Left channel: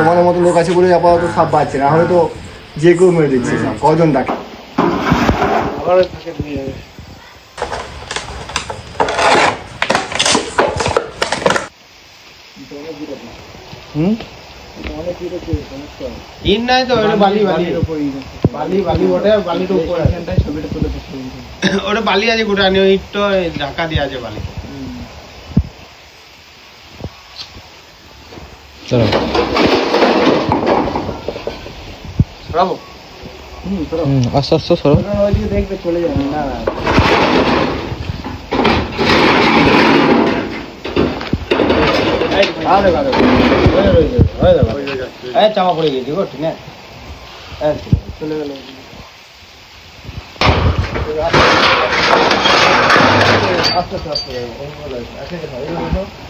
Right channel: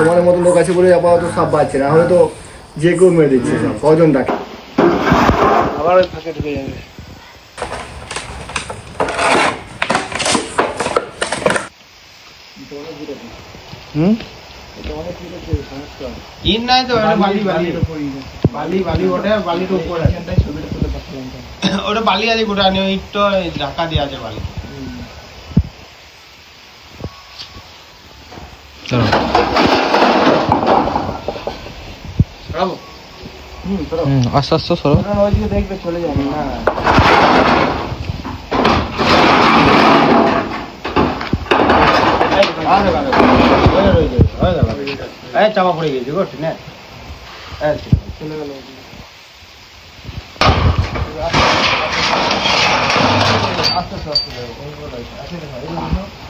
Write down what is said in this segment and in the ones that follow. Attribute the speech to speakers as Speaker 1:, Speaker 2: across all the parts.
Speaker 1: তোমাদের মতো লোক আছে বলে আপাতত সাপ পাচ্ছে না। হলে তো যে কেউ মেরে দিচ্ছে সব কজন ডাকে হুম?
Speaker 2: নাই তো বালি বালি। বালি বালি ওটা বালির উপর আছে। ছবিটা তুলে ওটা বালি আছে গোটা ওই ইটটা ঢাকা দেওয়া আছে বালি।
Speaker 1: চলো।
Speaker 2: সরাবো
Speaker 1: হুম আস্তে আস্তে সরো।
Speaker 2: চলে যাবে না চামা পড়ে গেছে গো ঠিক না চলে গেল উঠে ঢুকতে চাই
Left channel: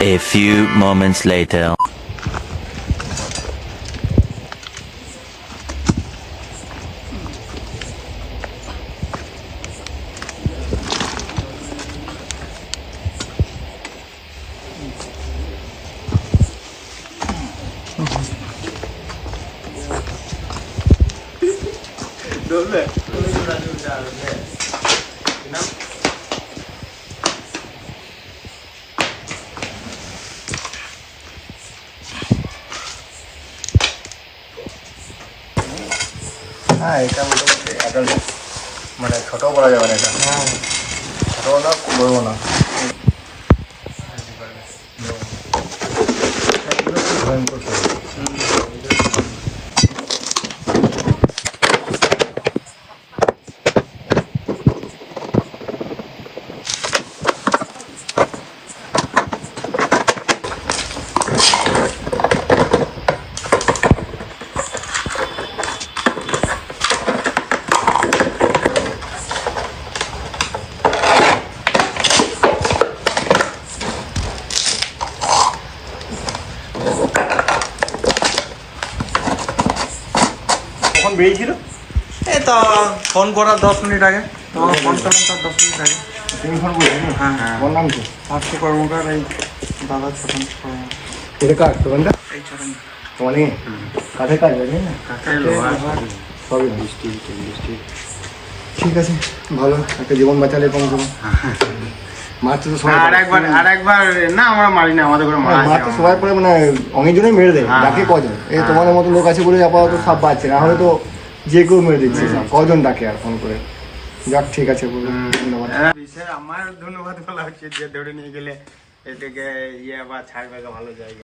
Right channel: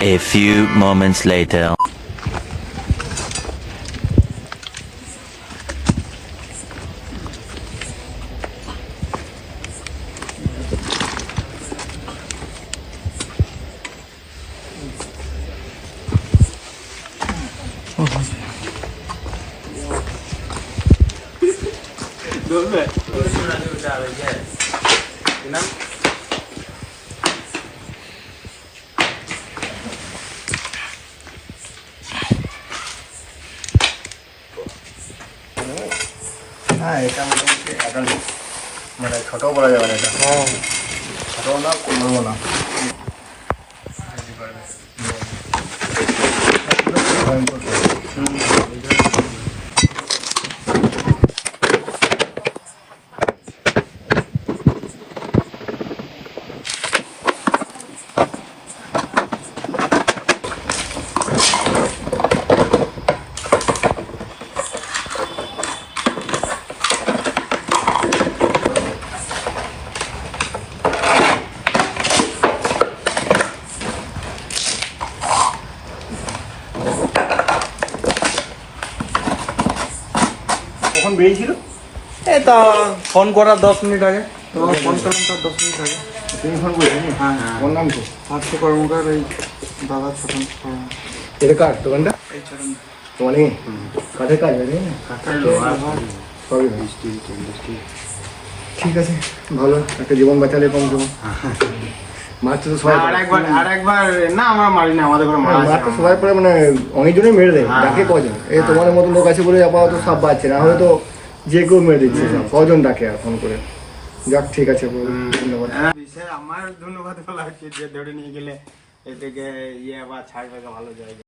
Speaker 3: A few moments later.
Speaker 1: হ্যাঁ এটা মোটামুটি adult। মানে ছোট বলা যাবে না এটা ছোট না বড় না 欢迎过去。কখন বেরিয়েছিল?
Speaker 2: এই তো ফোন করার দশ মিনিট আগে। তোমার ফোন করলাম তার দশ মিনিট আগে।
Speaker 1: তুমি ফোন করেছ
Speaker 2: হ্যাঁ হ্যাঁ।
Speaker 1: ওর নাম কি?
Speaker 2: পার্থ কর্মকার এই দাদা ছোটন।
Speaker 1: এটা কার? দোকানটা
Speaker 2: এই ছোটন।
Speaker 1: তোমার কাঠের কাজ না
Speaker 2: কাকাই লোহার
Speaker 1: সবই ভালো। ঠিক আছে ভালো। একটা জীবন বাঁচালে কম কম মারতে তো সবাই
Speaker 2: আর একবার আর একবার না আমরা মারি না আমাদের ঘরে মারা
Speaker 1: হ্যাঁ, মারতে সবাই পরে মানে মেরে দেয়
Speaker 2: হ্যাঁ,
Speaker 1: ডাকে। কজন? এই
Speaker 2: হ্যাঁ।
Speaker 1: তোমাদের মতো লোক আছে বলে আপাতত সব বাঁচছে না হলে তো যে কেউ মেরে দিচ্ছে। কজন ডাকে আর ফোন করে? যাক ঠিক আছে ধন্যবাদ।
Speaker 2: আমার ধন্যবাদ বলা হচ্ছে যে ধরে নিয়ে গেলে এদিকে ইয়ে বা ছাড়বে ভালো জায়গা।